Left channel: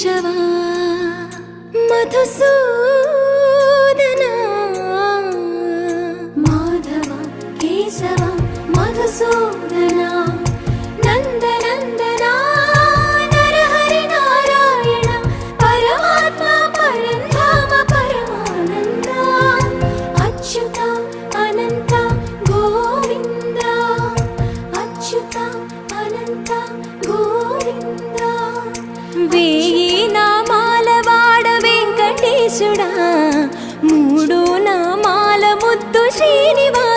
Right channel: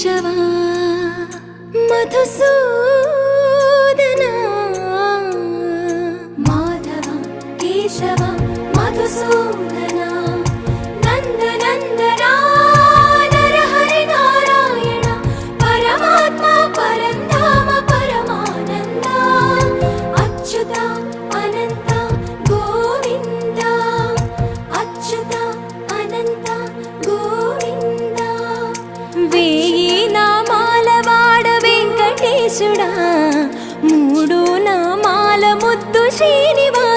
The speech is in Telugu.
కేశవా మధుసూదనా మాధవ కేశవ మధుసూదనా నందనందనా నరహరి నారాయణ పరమాత్మ పరంధామ పరమానంద అచ్యుత అనంత గోవింద అచ్యుత అనంత గోవింద వేయి నామాల వాడ వెంకటేశుడా మూడు నామాల ముద్దు శ్రీనివాస